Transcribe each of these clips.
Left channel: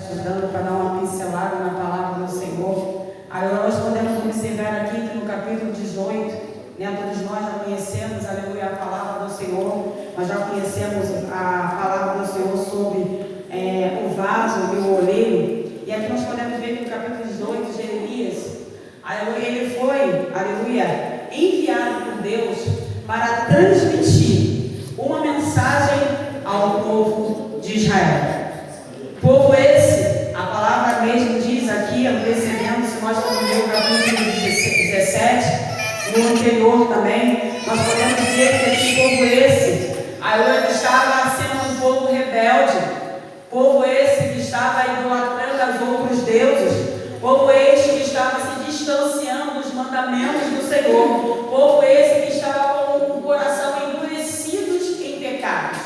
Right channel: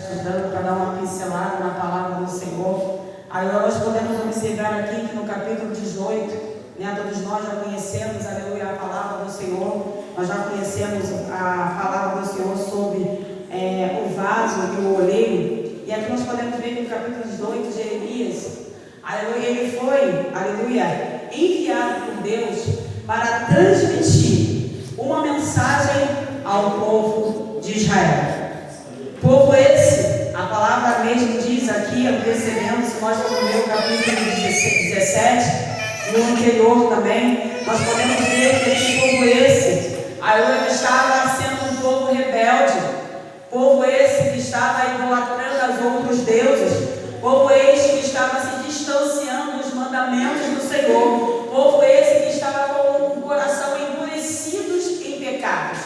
Estudando para dar uma pincelada na palavra do Senhor. Agora nós podemos observar aqui que no capítulo 18, todos nós já conhecemos, aleluia, a palavra do Senhor. Nós já conhecemos a palavra do Senhor sobre o vaso e o oleiro. E aqui nós podemos ver que no capítulo 18, Jeremias, aleluia, ele foi, aleluia, enviado por Deus para transmitir uma mensagem ao povo de Israel. Povo esse, a palavra mesmo diz aqui, antecedendo, se nós formos ver o capítulo 17, no anterior também, nós podemos ver que esse povo esse, ele estava sendo um povo rebelde, povo esse que estava idolatrando aos outros deuses, povo esse que estava se distanciando dos mandamentos do Senhor, povo esse que estava com o coração endurecidos em pecados.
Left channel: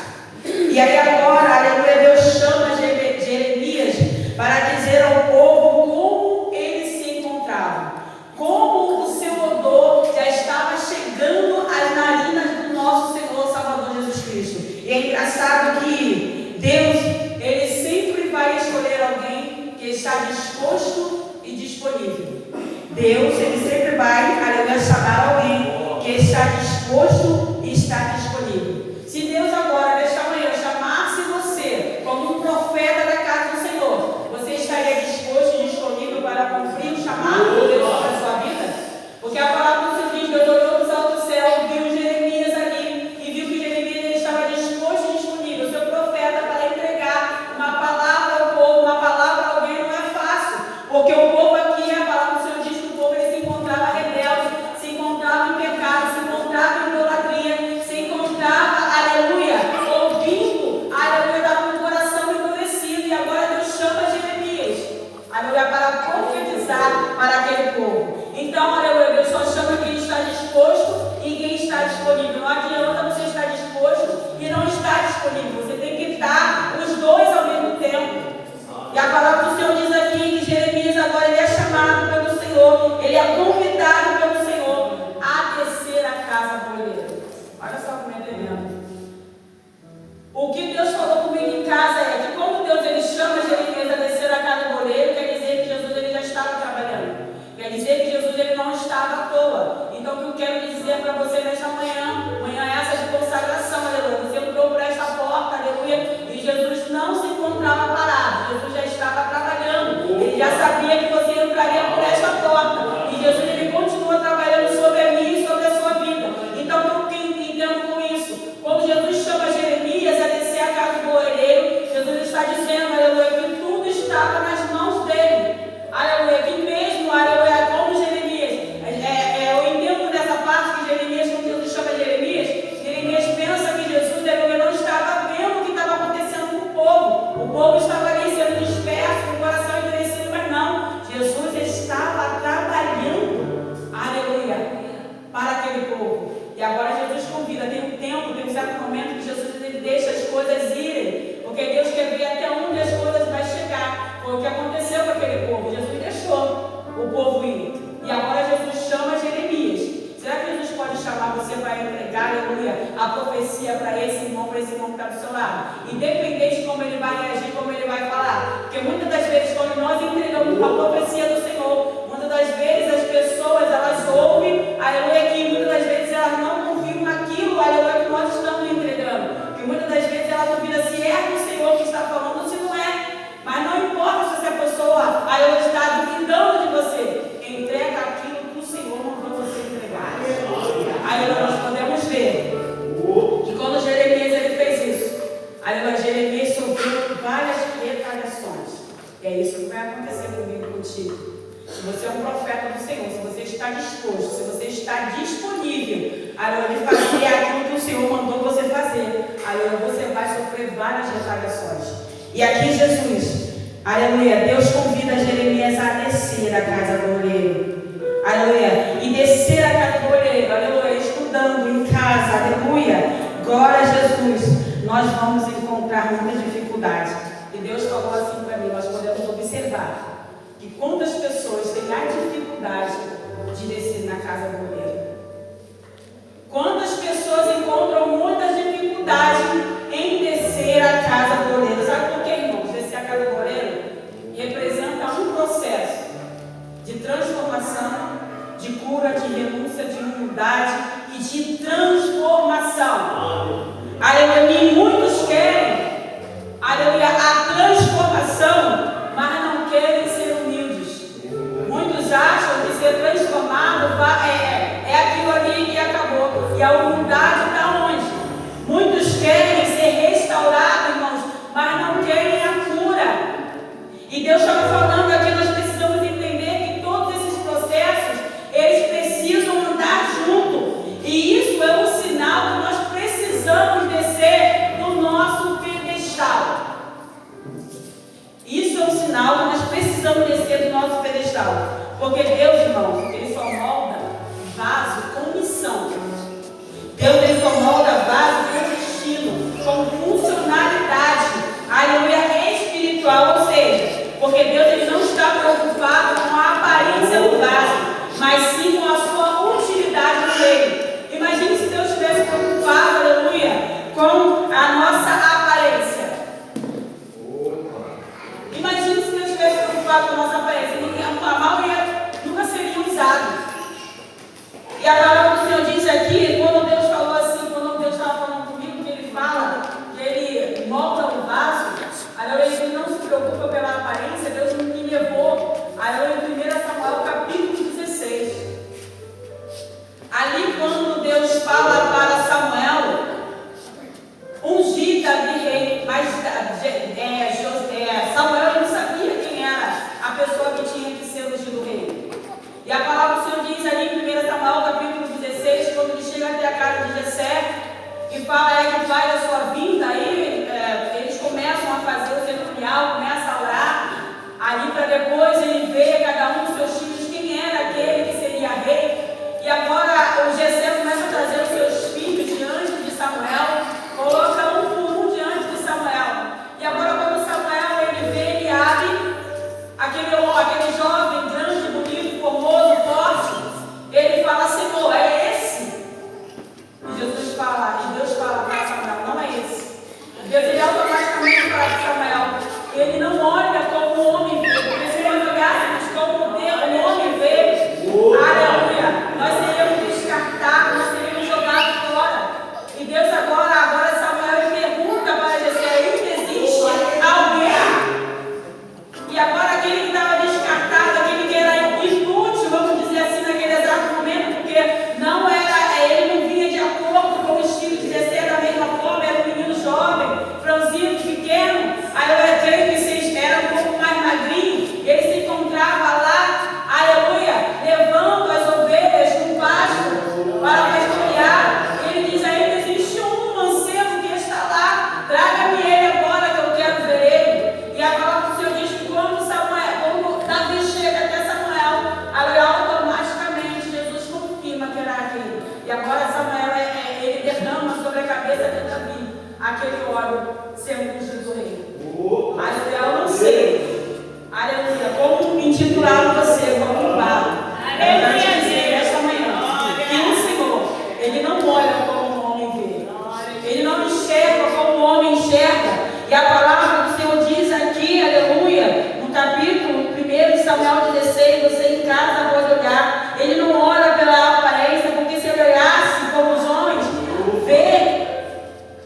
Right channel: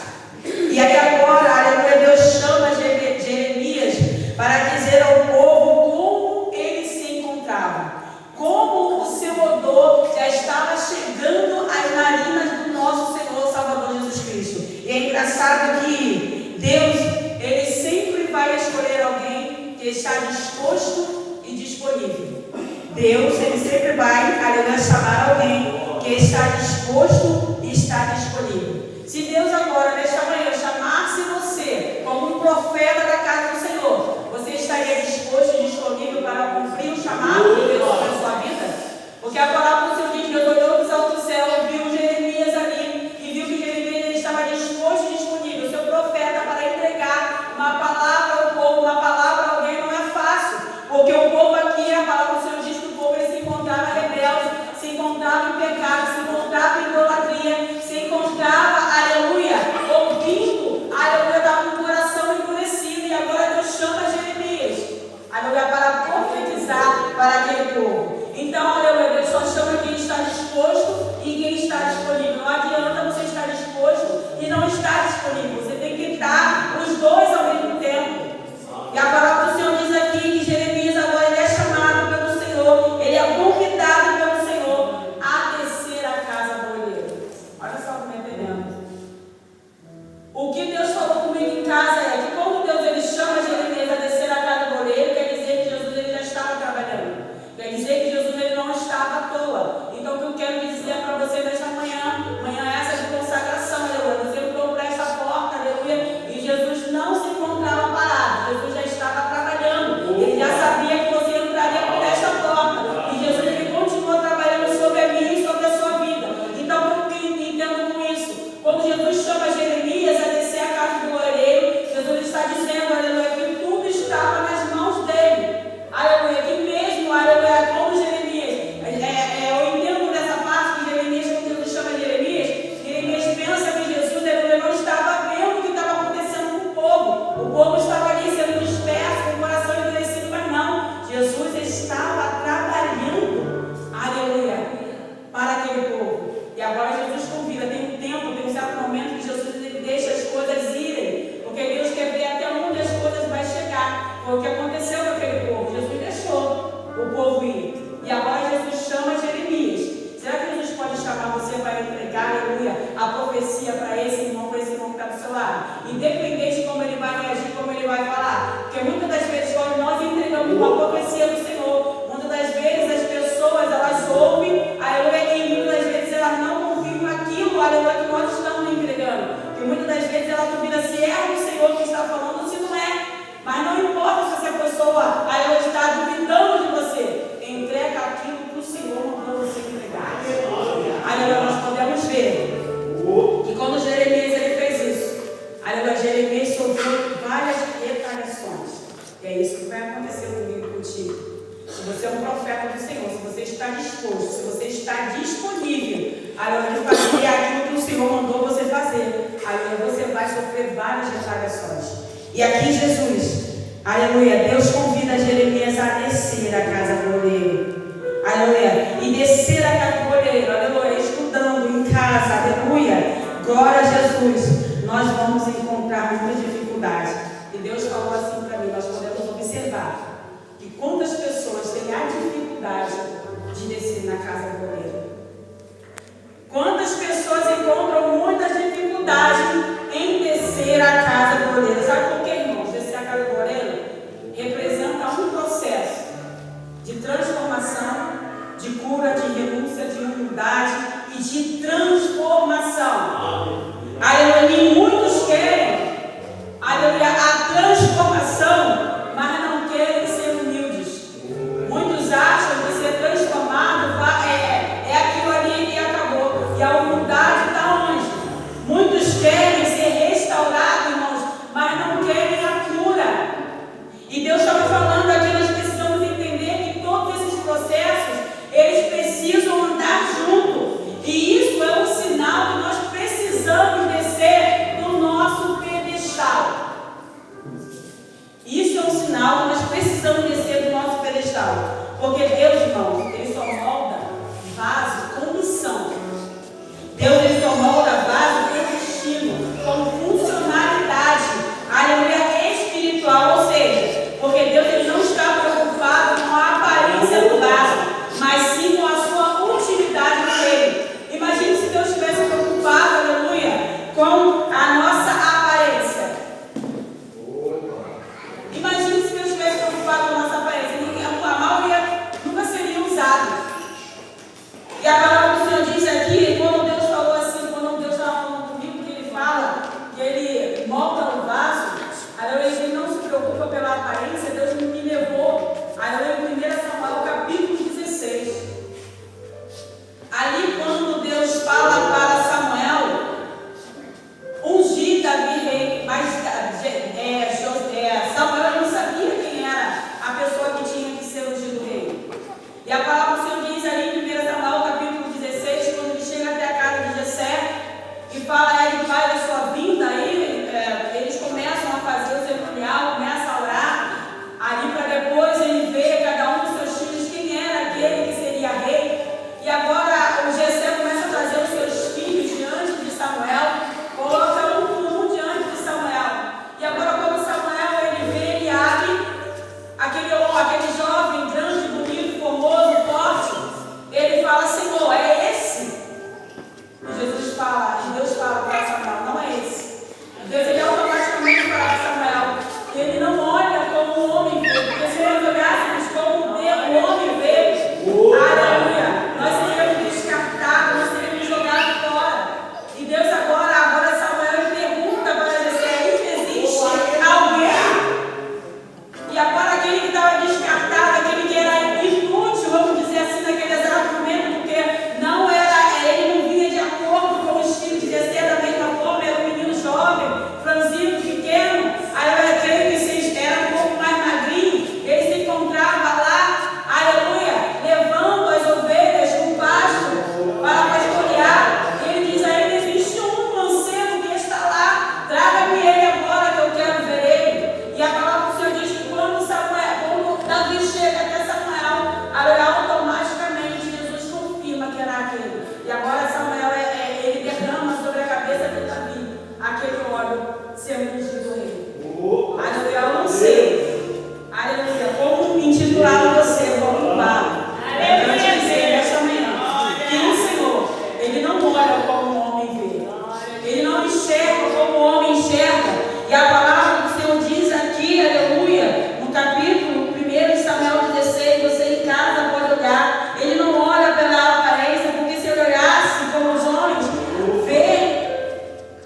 E aí agora, aleluia, Deus chama Jeremias para dizer ao povo como ele se encontrava, como o seu odor já estava chegando às narinas do nosso Senhor Salvador Jesus Cristo. E é engraçado que Deus, ele sempre vai escolher alguém que está disposto e disponível. Deus, ele sempre vai, aleluia, chamar alguém que está disposto e está disponível. Se Deus agora, nesta manhã, chamasse você como um profeta da casa do Senhor, você estaria disposto e disponível para cumprir o chamado de Deus para a sua vida? Porque a palavra do Senhor diz: Deus olhou dos altos céus, viu Jeremias ali e viu que Jeremias estava disposto e disponível, seu profeta, para entregar uma palavra ao povo, uma palavra a alguém. Não é fácil, porque o povo aqui, a palavra do Senhor diz que o povo ele se encontrava rebelde, se encontrava em pecado, se encontrava em idolatria, se encontrava, aleluia, ouvindo, aleluia, estava com o coração endurecido. E agora Deus chama Jeremias, aleluia, para profetizar para aquele povo. Então, aleluia, Deus só chama quem está disposto e quem está disponível. Não adianta você estar disposto e não estar disponível. Você tem que estar os dois ao mesmo tempo. E a palavra do Senhor diz aqui que Jeremias agora ele é chamado pelo Senhor, ele é convidado pelo Senhor a descer a casa do oleiro. Olha só como é tremendo. O que Deus falou comigo em casa é que quando Deus ele chama Jeremias a descer a casa do oleiro, quer dizer que Jesus ele já estava trabalhando. Quer dizer que Jesus ele não estava à toa. Então o que eu quero dizer para você nesta manhã essa de consagração, aleluia. Você entrou por esta porta, aleluia, e Jesus não se encontrava parado. Jesus já estava trabalhando. Ele já sabia que você entraria por esta porta. E Jesus ele continua trabalhando sobre a minha e sobre a sua vida. Então o que eu entendo com isso? Quando Jesus chama Jeremias a descer a casa do oleiro, Jesus está dizendo, aleluia, que tudo estava nas mãos dele. Aleluia, que mesmo, aleluia, como Jeremias, eu entendo nessa parte que Jeremias, quando Jesus chama Jeremias pensa que Jesus ele não estava vendo o que estava acontecendo com o povo. O povo estava ali sendo disperso, com o coração endurecido, mas não. Jesus estava trabalhando, aleluia, para aquele povo. E agora Jesus convida, tem um tempo, tem um certo momento que Jesus ele deixa as coisas irem, porque Deus quer ver até onde as coisas vão chegar. Foi o que aconteceu com aquele povo. Jesus deixou o povo ir. E agora Jesus chama Jeremias. Será que Jesus pode chamar você para entregar, aleluia, a profecia para esse irmão que está do seu lado? Independente de como ele vai reagir, como ele vai falar. Porque muitas das vezes, quando nós entregamos a profecia do Senhor, muitas das vezes as pessoas, elas ouvem, aleluia, e muitas das vezes elas não confiam naquilo, aleluia, que nós estamos entregando. Porque muitas das vezes ela duvida se é do Senhor que está falando ou se não é. Mas não importa se essa pessoa, ela está duvidando de você. Entrega aquilo que o Senhor mandou você entregar. Aleluia, nós podemos ver que quando Jeremias ele fez isso, aleluia, Jeremias sofreu várias retaliações. E é isso que vai acontecer comigo e contigo. Se você é um profeta do Senhor, se você está disposto, se você está disponível, aleluia, de fazer aquilo que o Senhor mandou você fazer, aleluia, você vai sofrer várias retaliações. E aqui Jesus, aleluia, Deus convida Jeremias a descer a casa do oleiro, aleluia, e descer a casa do oleiro, aleluia, estudando em casa, aleluia, glória a Jesus. Nós vamos encontrar muitas dificuldades. E Deus falou assim para mim, nós podemos observar que quantas pessoas têm a dificuldade de descer na casa do oleiro. Quantas pessoas encontram muita dificuldade em descer a casa do oleiro. Sabe por quê, irmãos? Descer a casa do oleiro? Porque Deus, irmão, Ele só molda vaso com missão. Deus, Ele só molda vaso com destino, com funcionalidade, aleluia, espiritual. Ou seja, porque Deus, Ele não está preocupado com a aparência do vaso, mas sim com a sua utilidade no reino. Imagine se Deus estivesse preocupado, aleluia, com a nossa aparência. Imagine se Deus estivesse preocupado com a nossa aparência. A maioria nunca seria usada. E a palavra do Senhor diz aqui, quando Deus falou assim, quando Deus estava falando comigo, que Ele fala, que Ele molda o vaso, Ele não se preocupa pela aparência. Deus me levou em 1 Samuel capítulo 16. Ali quando Deus fala para Samuel ungir Davi rei, mas Samuel não sabia quem era a pessoa que tinha que ser ungido rei. E a palavra do Senhor diz ali em 1 Samuel capítulo 16, quando ele chega até a casa de Jessé e fala, ele vai da sua vinda, aí eles começam a fazer o cerimonial, começam a orar, ali para depois ele ver cada um dos seus filhos quem era aquele que seria rei. E agora o Jessé começa a trazer os seus filhos diante de Samuel, coloca um por um diante de Samuel. E agora quando Samuel ele vê Eliabe, aquele jovem grande, bonito, formoso, forte, ele fala, Senhor, é esse? E Deus fala para Samuel, não é esse. Deus ele automaticamente fala para Samuel, ele não olha como o homem vê, porque se nós olhássemos como o homem vê, aleluia, nós seríamos descartados, nós seríamos jogados fora. E Deus agora Samuel ele pergunta para Jessé, ainda existe alguém? E agora aquele que estava descartado, aquele que era inútil, vamos dizer assim, naquele exato momento, porque ele não vinha de acordo com o estilo de Jessé da mesma forma, era um menino jovem, franzino, pequeno, aí eu creio que vocês eram um pouco mais magrinho, ele se encontrava lá, aleluia, levando as ovelhas no pasto para pastorear. Ele diz, ainda existe um mancebo que está lá, traga-me ele agora que eu quero ver ele. E a palavra do Senhor diz que quando Davi chega até Samuel, automaticamente Jesus confirma que era aquele. E agora Samuel ele derrama sobre a cabeça de Davi aquele óleo sendo ungido rei. Aleluia, eu não sei. Aleluia, como intitular você, como pai. É para te dizer nesta manhã que o Senhor, Ele não olha como o homem vê. Ele não enxerga como o homem enxerga. E a palavra do Senhor diz aqui, aleluia, no capítulo 1 Samuel 16, você em casa pode olhar. Ele não olha pela aparência, porque se ele olhasse como os homens vê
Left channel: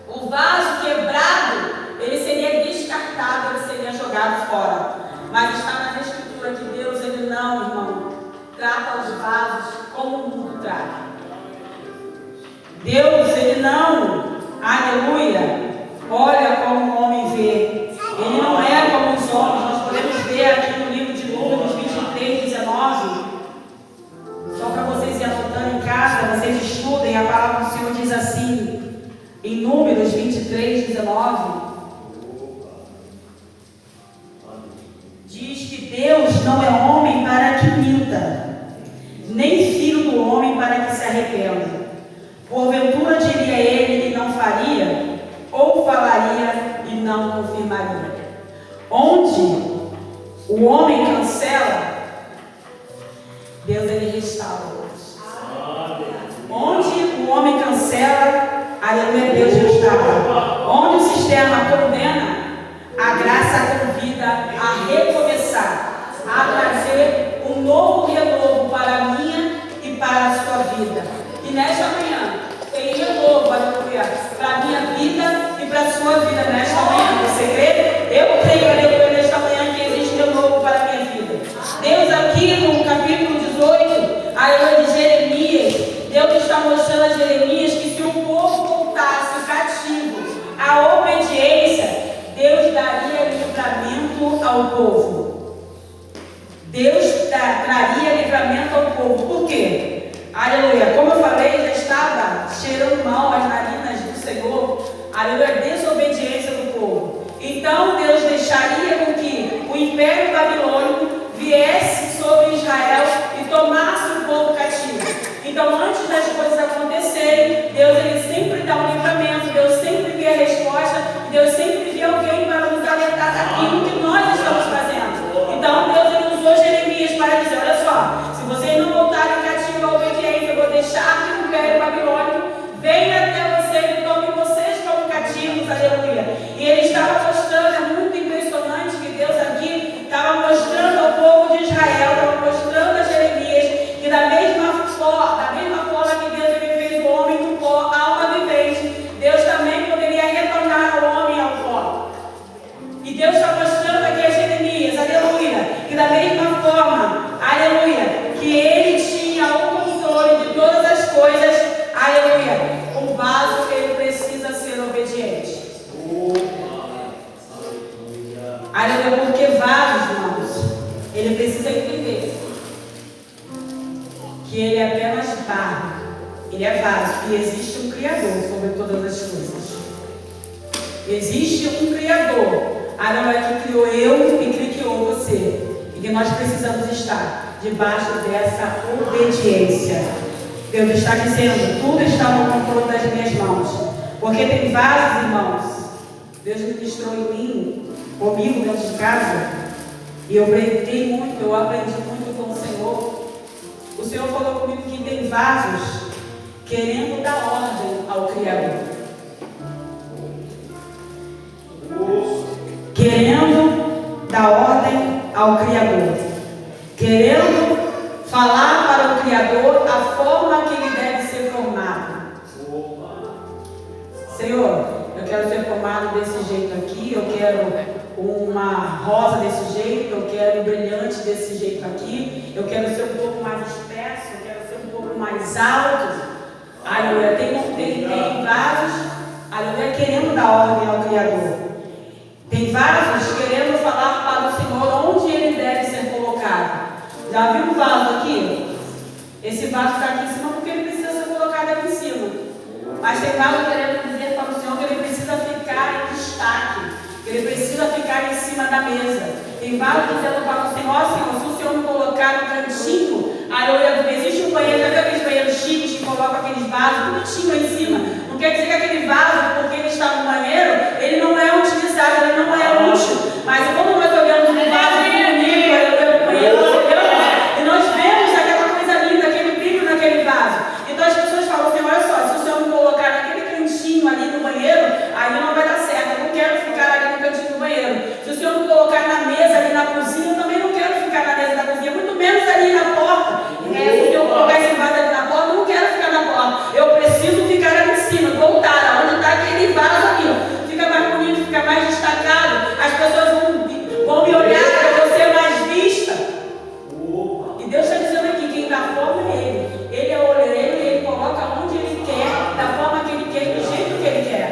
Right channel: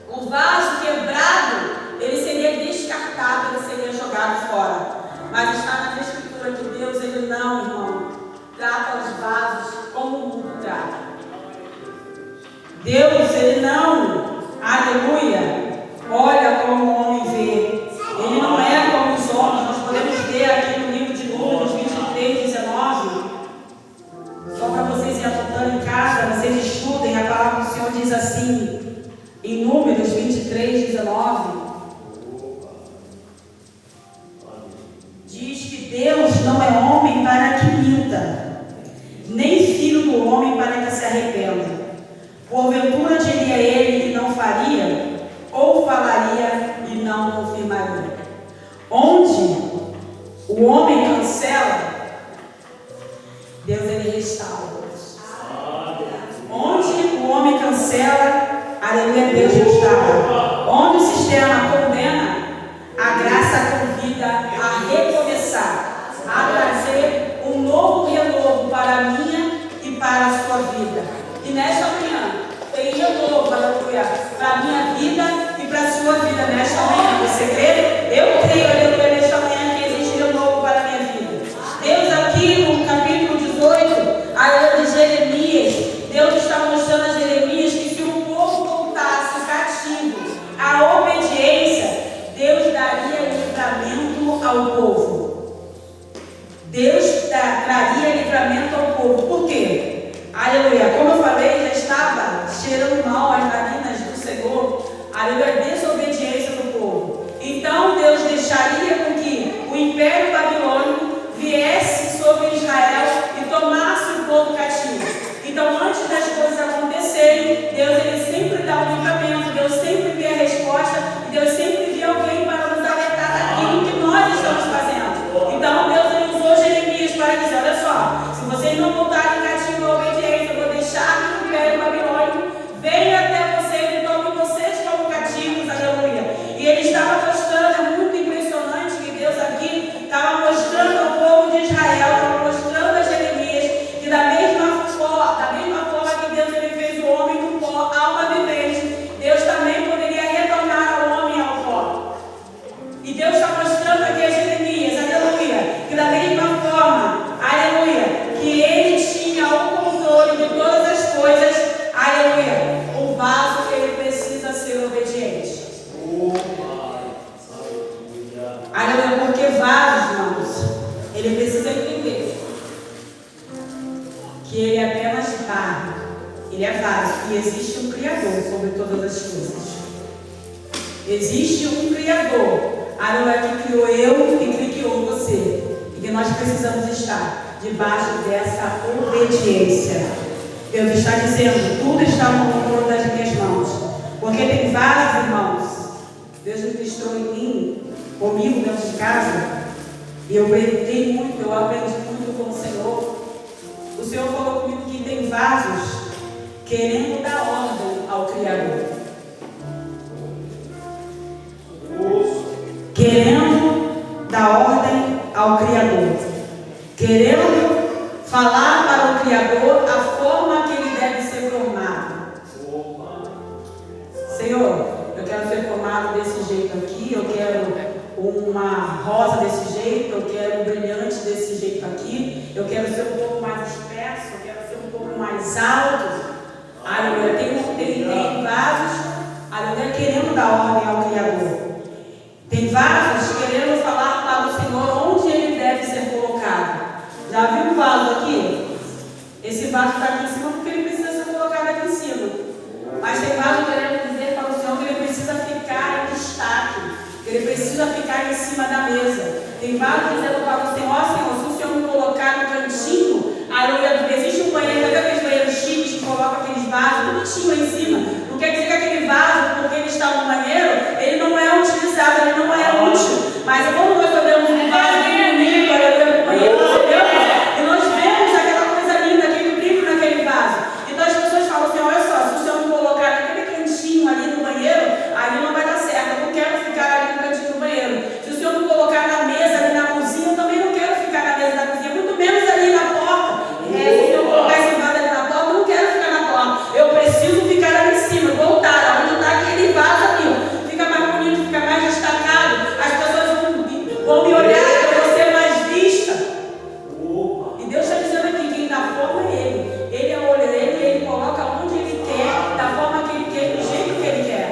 o vaso quebrado, ele seria descartado, ele seria jogado fora. Mas está na Escritura que Deus, Ele não, irmão, trata os vasos como o mundo trata. Deus, Ele não, aleluia, olha como o homem vê. Ele não é como os homens. Nós podemos ver aqui no livro de Números 23, 19. Só para vocês ir anotando em casa, vocês estudem, a palavra do Senhor diz assim, em Números 23, 19. Diz que Deus não é homem para que minta, nem filho do homem para que se arrependa. Porventura diria ele e não faria, ou falaria e não confirmaria. Onde o homem cancela, Deus ele restaura. Onde o homem cancela, aleluia, Deus restaura. Onde o sistema condena, a graça convida a recomeçar, a trazer um novo renovo para a minha e para a sua vida. E nesta manhã, tem renovo, aleluia, para a minha vida e para a sua vida nesta manhã. Você crê? Eu creio, aleluia, nesta manhã que existe renovo para a minha vida. Deus aqui no capítulo 18, aleluia, de Jeremias, Deus está mostrando a Jeremias que se o povo voltasse o cativo à obediência, Deus daria livramento ao povo. Deus traria livramento ao povo. Por quê? Aleluia. Como eu falei, já estava cheirando mal as narinas do Senhor. Aleluia. Desobediência do povo. Então Deus deixaria com que o império babilônico viesse sobre Israel ele é vaso, e existe um Criador sobre todas as coisas. Existe um Criador, aleluia, que criou eu e que criou você, e que nós precisamos estar debaixo dessa obediência. Deus está dizendo, tudo está no controle das minhas mãos, porque tem vários irmãos. Deus ministrou em mim, comigo dentro de casa, e eu aprendi muito com o Senhor. O Senhor falou comigo que tem vasos querendo dar ordem ao Criador, querendo dar ordem ao Criador, querendo falar para o Criador a forma que ele deve ser formado. Senhor, eu quero ser formado desse jeito aqui, eu quero uma rosa desse jeito, eu quero um brilhante desse jeito aqui, eu quero ser um pouco mais espesso, eu quero ser um pouco mais alto. Aleluia, tem vasos, aleluia, querendo dar ordem ao Criador. Tem vasos querendo falar para o Senhor onde ele deve ser colocado. Já viu um vaso aqui? Esse vaso está aqui em cima porque ele precisa ser colocado aqui em cima. Mas tem vaso querendo dizer para o Senhor que ele precisa ficar em destaque, que ele precisa ficar em cima da mesa. Tem vaso dizendo para o Senhor, Senhor, se o Senhor me colocar no cantinho, aleluia, existe um banheiro, sabe aqueles banheiros chiques que colocam aqueles vasos bonitinho aí em cima? Não quer dizer que aquele vaso, porque ele está no banheiro, ele não é utilizado, ele não é útil. Mas quando nós olhamos um vaso bonito, aleluia, no banheiro, e nós vemos aquela coisa linda, aquele brilho naquele vaso. Então as pessoas falam, Senhor, olha só, se o Senhor me colocar naquele cantinho ali no banheiro, ali não vai dar certo, eu não quero ficar ali no cantinho do banheiro. Se o Senhor me colocar na mesa, ali na cozinha, eu também não quero ficar na mesa da cozinha, muito menos ali na porta. Se eu colocar esse vaso ali na porta, eu não quero ficar na porta. Eu preciso ficar ali em cima, voltar, onde está aquele vaso aqui. Fica mais bonito, fica mais destacado. As pessoas vão me olhar, eu vou ser mais vista. E Deus está dizendo aqui, quem dá forma é Ele. Ele é o oleiro, Ele coloca onde Ele quer, da forma que Ele quer, do jeito que Ele quer.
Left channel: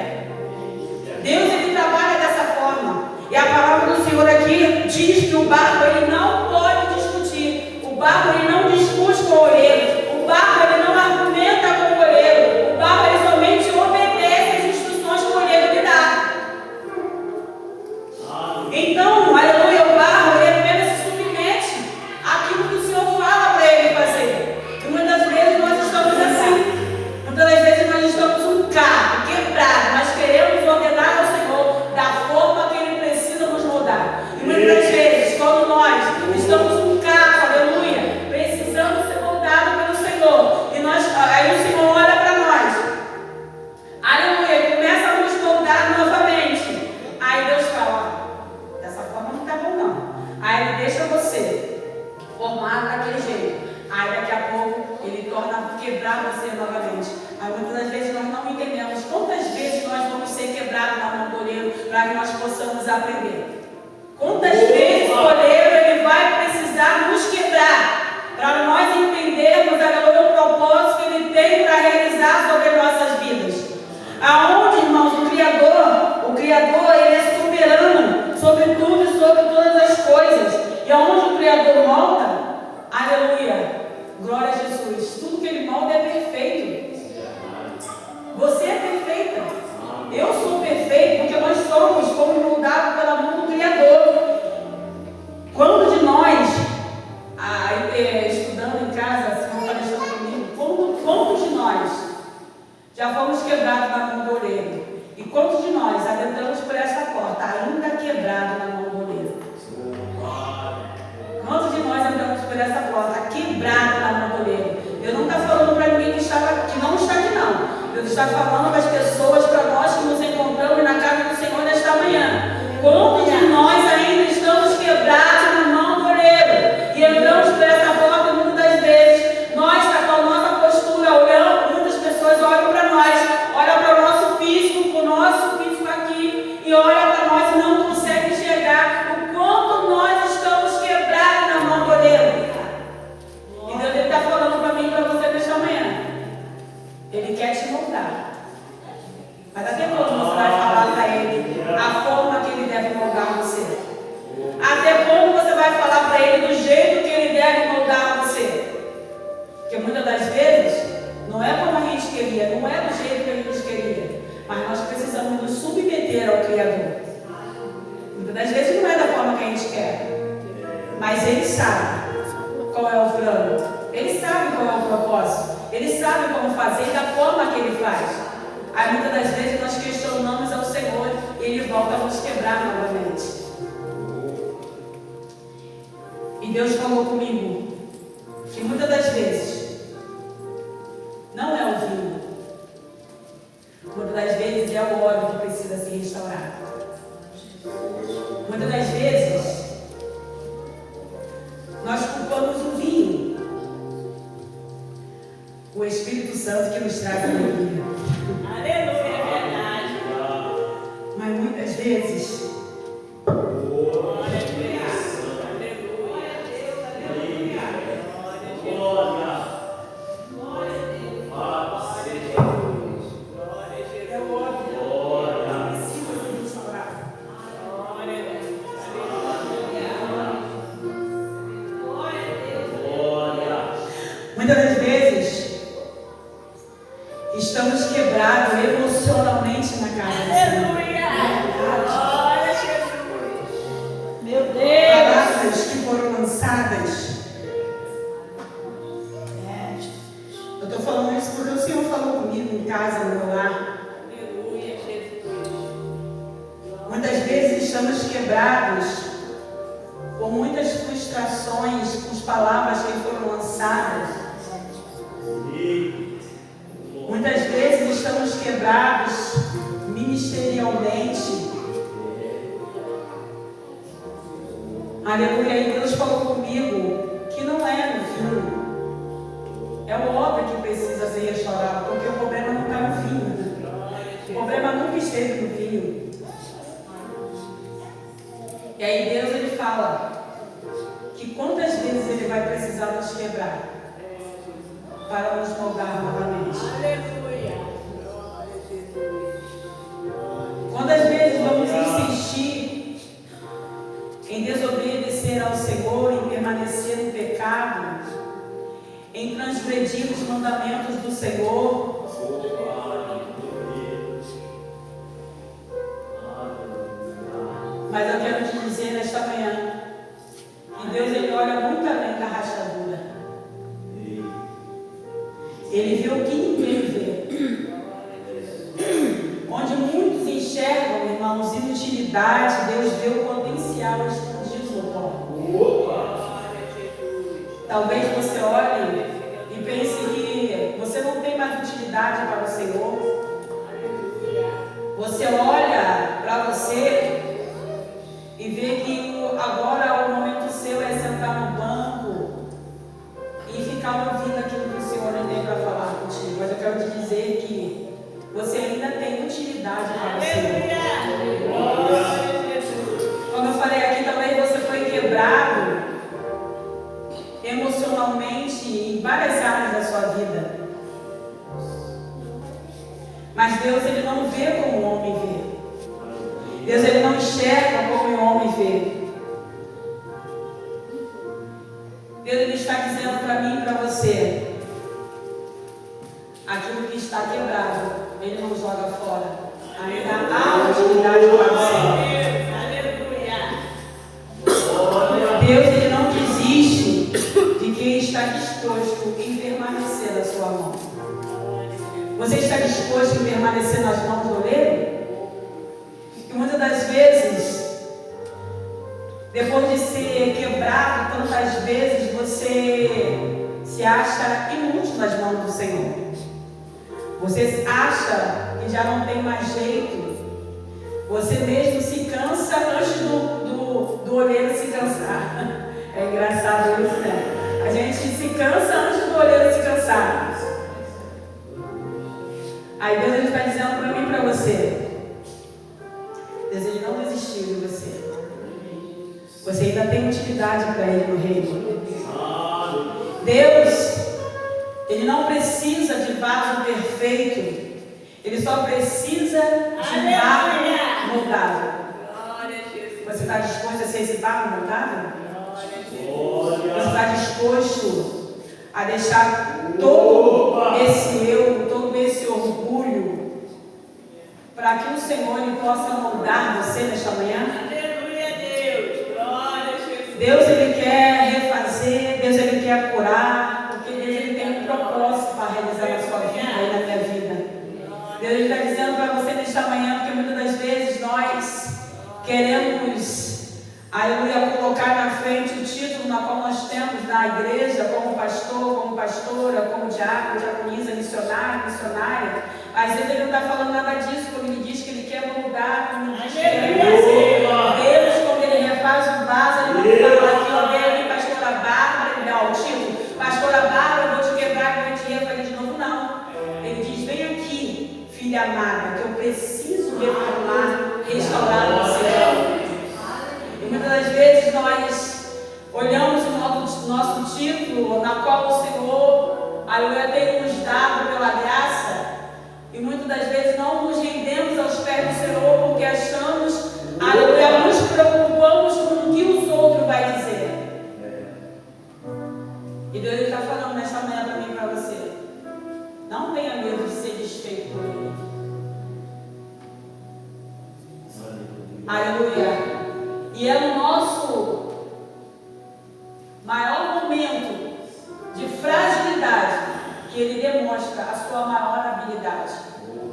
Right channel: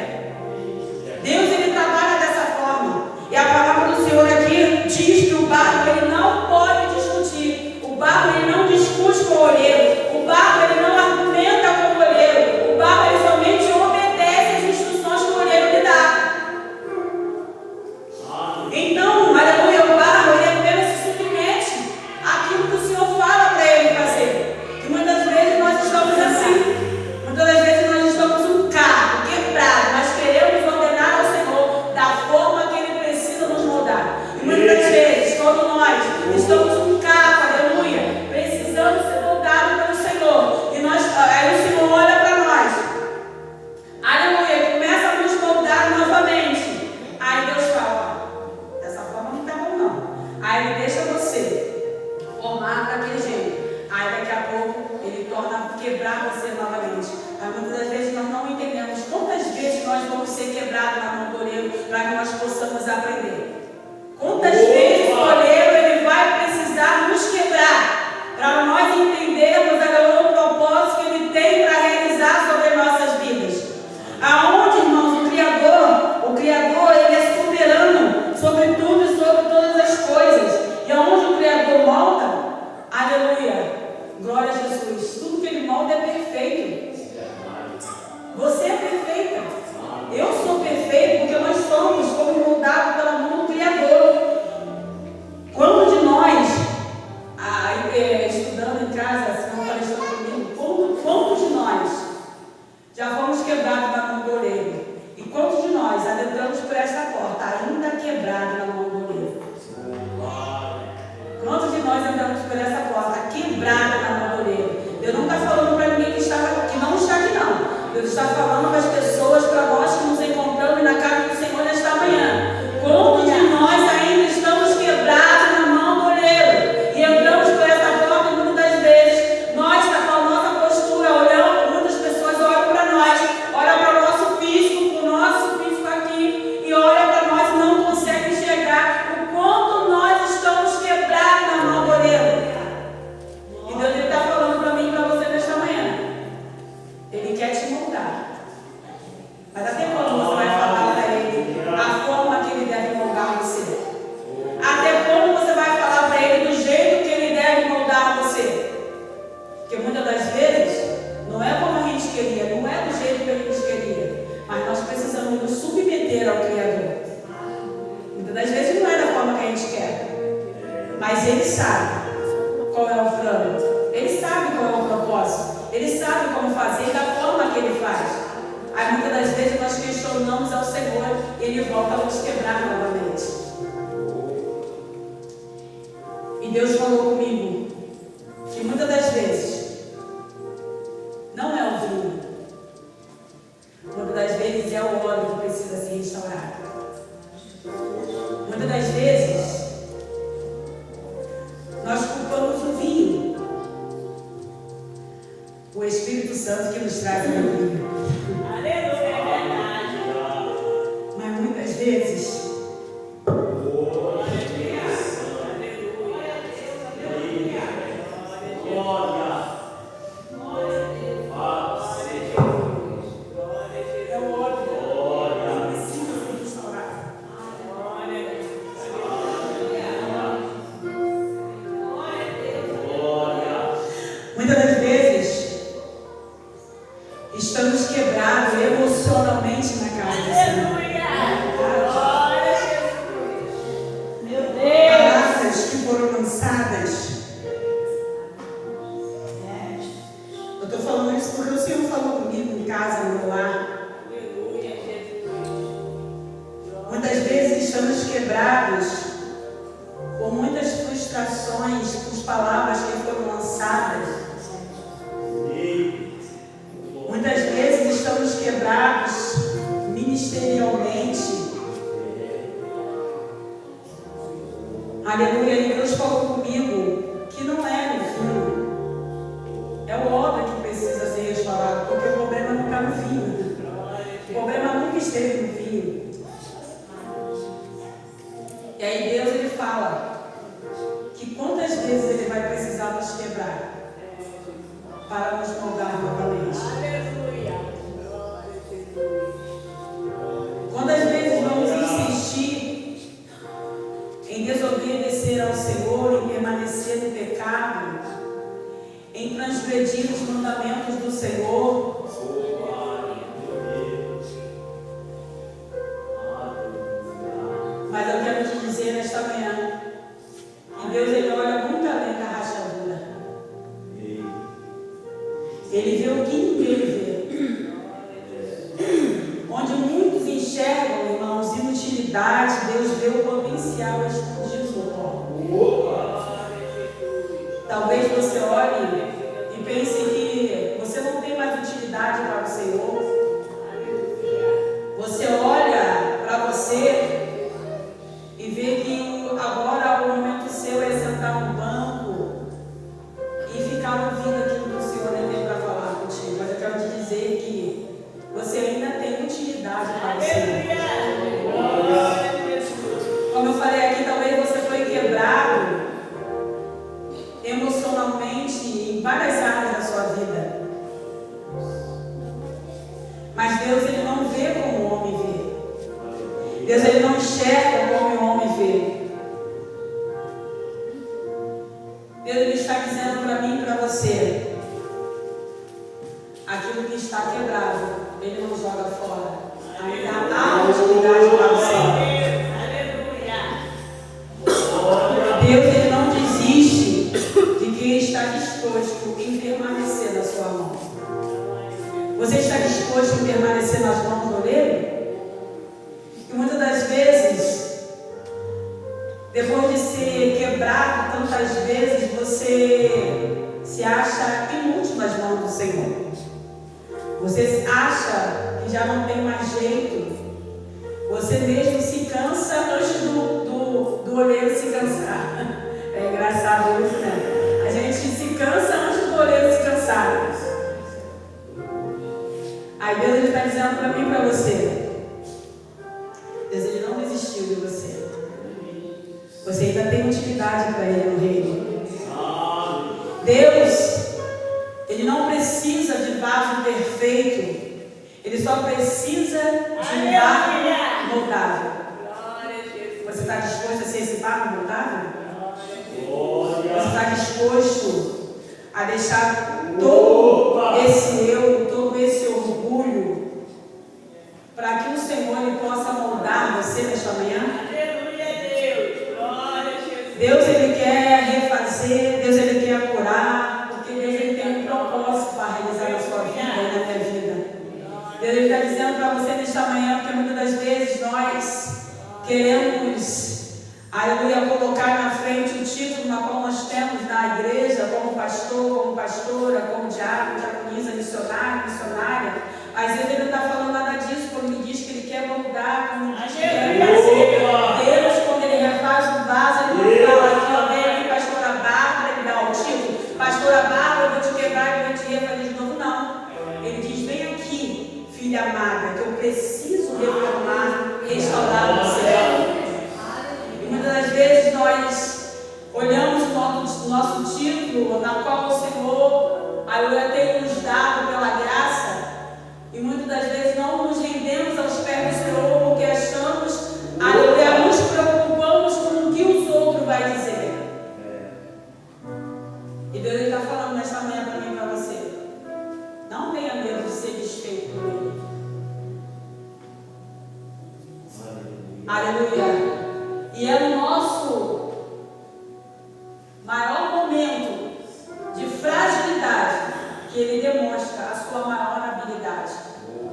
Deus, Ele trabalha dessa forma. E a palavra do Senhor aqui diz que o barro, ele não pode discutir. O barro, ele não discute com o oleiro. O barro, ele não argumenta com o oleiro. O barro, ele somente obedece às instruções que o oleiro lhe dá. Então, aleluia, o barro, ele apenas se submete àquilo que o Senhor fala para ele fazer. E muitas vezes nós estamos assim. Muitas das vezes nós estamos um carro quebrado. Nós queremos ordenar ao Senhor da forma que Ele precisa nos moldar. E muitas vezes, quando nós estamos um carro, aleluia, precisamos ser moldados pelo Senhor. E nós, aí o Senhor olha para nós. Aleluia, e começa a nos moldar novamente. Aí Deus fala, dessa forma não está bom não. Aí Ele deixa você formar daquele jeito. Aí daqui a pouco Ele torna quebrar você novamente. Aí muitas das vezes nós não entendemos quantas vezes nós vamos ser quebrados na mão do oleiro para que nós possamos aprender. Quantas vezes o oleiro ele vai precisar nos quebrar para nós entendermos o propósito que Ele tem para realizar sobre nossas vidas. Aonde, irmãos, o Criador, Ele é soberano sobre tudo e sobre todas as coisas. E aonde o Criador molda, aleluia, glória a Jesus, tudo que Ele molda é perfeito. Você é perfeita. Eu sou perfeito porque nós fomos moldados pela mão do Criador. Quando de nós, estudando em casa, se não falando comigo, quantos de nós já fomos quebrados na mão do oleiro? E quantos de nós adentramos por essa porta ainda quebrado na mão do oleiro? Quantos de nós entramos por essa porta quebrado na mão do oleiro? Eu não estou falando para ninguém que não está aqui não. Eu estou falando para as pessoas, para nós que nos encontramos na casa do Senhor nesta manhã. Quantos de nós ainda estamos quebrados na mão do oleiro? E entramos por essa porta muitas das vezes. Nós, com a nossa postura, olhando, muitas pessoas olham para nós, olham para o nosso físico aqui, e olham para nós e não conseguem enxergar o quanto nós estamos quebrados na mão do oleiro. E Deus está falando para mim e para você nesta manhã. Ele quer te moldar. Mas Ele sabe qual é o plano. Ele sabe qual é o propósito. Ele sabe como fazer e da forma que Ele faz. Aí muitas das vezes nós questionamos ao Senhor e Ele volta a nos quebrar novamente. E Deus falou comigo que muitas das vezes não é o vinho. Muitas das vezes é o óleo que precisa ser restaurado. Muitas das vezes nós culpamos o vinho. O Espírito Santo que nos traz a alegria. Aleluia, é verdade. Mas muitas vezes estamos quebrados emocionalmente na casa do Senhor. Meu Deus! Palavras que foram lançadas. Eu estou falando isso porque o Senhor falou comigo em casa, no meu lar. Muitas vezes estamos quebrados por muitas frustrações, por palavras que foram lançadas. Muitas vezes estamos quebrados ministerialmente. Aleluia. E Deus falou comigo que não é no vinho. É o óleo que precisa ser restaurado, porque o problema não está no vinho. O problema nunca esteve no vinho. E aí Deus ele fala que quantas vezes Ele vai precisar nos quebrar para nos moldar novamente. Quantas vezes vamos insistir em desobedecer ao Senhor, em permanecer no pecado, em transgredir os mandamentos do Senhor? Mas eu quero te dizer nesta manhã que Deus ele olha muito além da rachadura. Ele vê o que ninguém vê. Onde muitos enxergam, irmãos, inutilidade, Deus vê o potencial escondido no pó. Talvez você olhe e pense que você não tem mais utilidade para o Senhor. Você olha para você e vê que agora o momento seu é sentar no banco e ficar ouvindo aquilo que o Senhor tem para falar contigo. Mas eu quero te dizer que você ainda tem utilidade para o Senhor. Como eu falei aqui, talvez você foi quebrado emocionalmente em várias áreas da sua vida. Mas Deus ele não vê como o homem vê. Deus ele não enxerga como o homem vê. Deus ele está dizendo para mim e para você: aquilo que está quebrado, Ele não joga fora. Ainda há utilidade para você. Deus ele não desiste de quem está disposto em permanecer na sua mão. Você está disposto em permanecer nas mãos do oleiro? E muitas das vezes, depois de ser quebrado tantas vezes, você se acha inútil nas mãos do Senhor. Você acha que já não tem mais jeito. Você mesmo se cansa antes do oleiro se cansar. É engraçado isso, né? A gente se cansa antes do oleiro se cansar. Aí Deus está dizendo para mim e para você: Deus ele não desistiu de você. Você ainda tem utilidade para Ele no reino. Deus ele não precisa de vaso perfeito. Ele só precisa de um barro moldável. Você está disposto a ser esse barro moldável? Você está disposto a deixar todo esse eu, todo esse orgulho, para que o Senhor ele possa moldar você nesta manhã? Deus ele Ele quer refazer, Deus Ele quer curar, porque Deus Ele tem um propósito para realizar na sua vida e na minha vida. Deus Ele está dizendo para você nesta manhã, porque muitas das vezes nós queremos, aleluia, colocar na frente o título na qual nós temos na igreja, como pastor, como pastora, como diácono, diaconisa, missionário, missionária. Mas Deus Ele não está falando nada disso, quando Ele diz que Ele quer moldar, como Ele diz que Ele quer fazer. Deus, quando Ele refaz um vaso, Ele não fala aqui, ó, vem aqui, pastora Bárbara, Ele dá o título, pastora Bárbara, eu vou te quebrar, eu vou te refazer de novo. Não. Ele diz, vem aqui, filha amada, que eu preciso reformar, restaurar você. E muitas das vezes nós olhamos o nosso título, na qual o Senhor, aleluia, tem nos dado pela graça, e muitas das vezes não nos rendemos aos pés do Senhor, porque achamos, aleluia, nos preocupamos com o que os outros vão dizer. E Deus está falando nesta manhã também para você. Não tenha medo de ser desfeito por Ele. Aleluia. E é no nosso maior momento de fragilidade que Ele demonstra a sua maior habilidade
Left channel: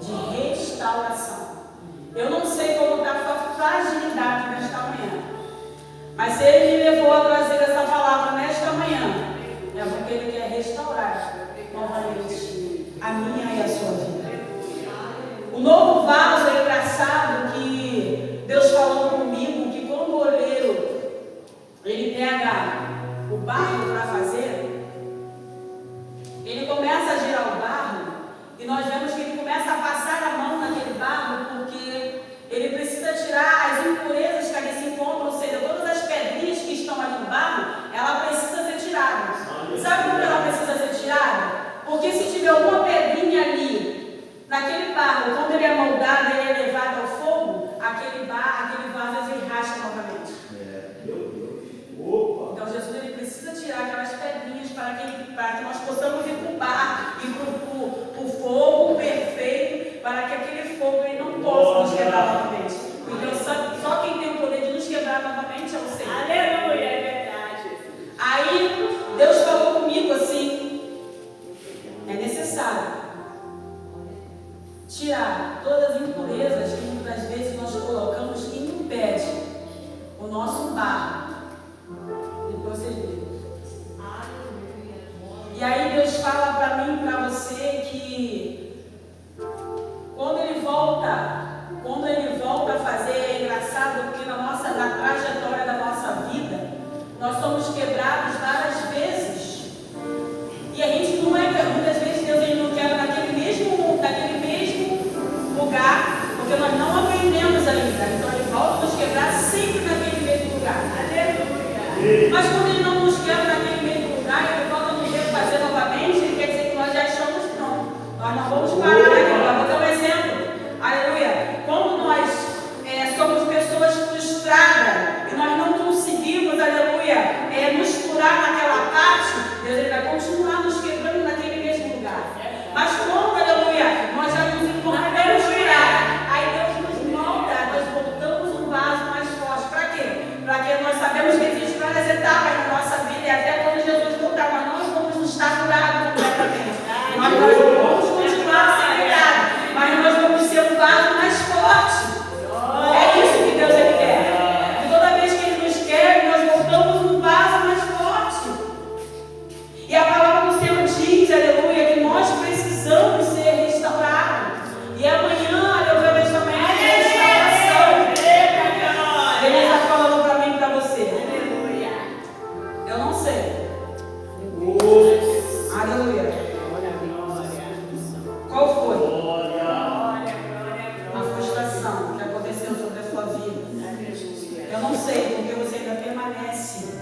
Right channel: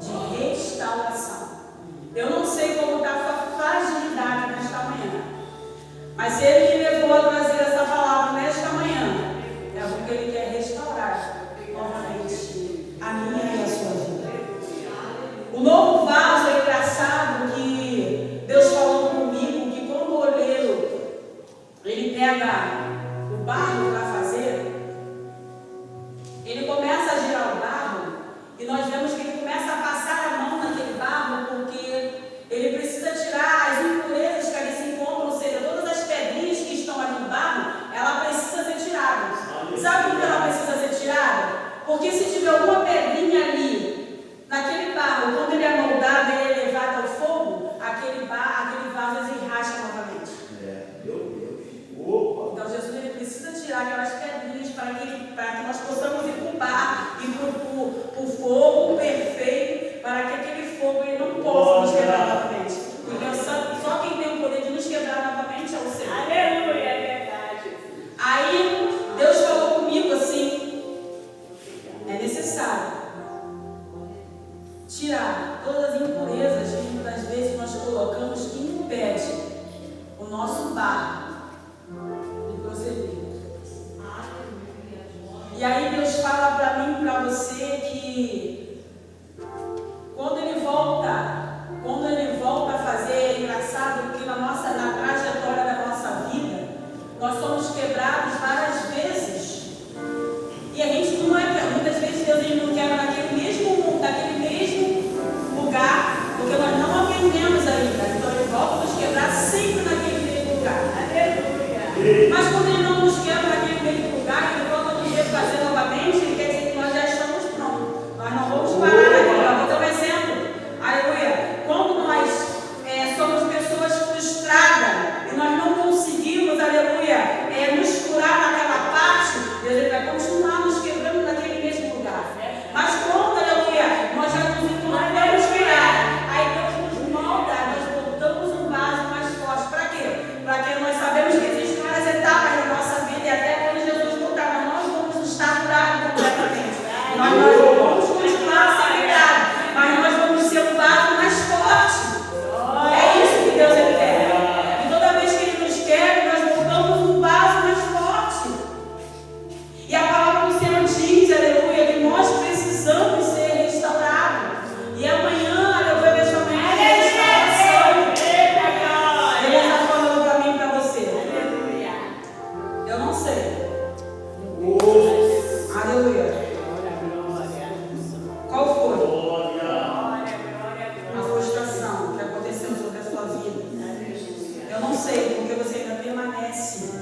de restauração. Eu não sei como está a sua fragilidade nesta manhã, mas se Ele me levou a trazer essa palavra nesta manhã, é porque Ele quer restaurar novamente a minha e a sua vida. O novo vaso é engraçado que Deus falou comigo que quando o oleiro ele pega o barro para fazer, ele começa a girar o barro e nós vemos que ele começa a passar a mão naquele barro porque ele precisa tirar as impurezas que ali se encontram, ou seja, todas as pedrinhas que estão ali no barro, ela precisa ser tirada. Sabe por que ela precisa ser tirada? Porque se tiver alguma pedrinha ali, naquele barro, quando ele é moldado e ele é levado ao fogo, aquele vaso ele racha novamente. Então Jesus ele precisa tirar aquelas pedrinhas para que nós possamos ir para o barro e para o fogo perfeito, para que aquele fogo ele não possa nos quebrar novamente. Então só quem tem o poder de nos quebrar novamente é o Senhor. Aleluia, é verdade. Aí Deus falou comigo assim, é necessário tirar todas as impurezas que muitas vezes nós colocamos que impede o nosso barro de prosseguir. E aí Deus fala para mim e para você que quando Ele volta a fazer, é engraçado porque na trajetória da nossa vida, nós somos quebrados várias vezes. E a gente não é, muitas vezes Deus ele não quebra naquele mesmo lugar, porque nós não aprendemos a lidar. Então Ele volta a nos quebrar sempre naquele mesmo lugar. Mas quando Ele não nos quebra naquele mesmo lugar, Ele volta a nos refazer novamente, Ele quer dizer que nós já estamos prontos. Nós não vamos parar aqui. Eu vou dar um exemplo. Aleluia. Quando nós somos pessoas frustradas e nós não conseguimos, aleluia, nos curar naquela parte, Deus ele vai continuar nos quebrando naquele mesmo lugar. Mas quando, aleluia, nós já nos encontramos curados, aí Deus nos molda, nós voltamos um vaso mais forte. Para quê? Para que nós sabemos que existem várias etapas na nossa vida e até quando Jesus voltar, mas nós vamos estar curados completamente. Nós não vamos continuar a ser curados, mas nós vamos ser um vaso mais forte. É isso que Deus ele quer. E toda vez que Ele nos quer, nós voltamos um vaso mais forte. E a palavra do Senhor diz, aleluia, que nós precisamos ser restaurados. E amanhã, aleluia, nesta manhã é restauração. Ele está falando para mim e para você. Eu não sei. Aleluia. Qual foi a frustração que aconteceu sobre a sua vida? Eu não sei, porque você ainda permanece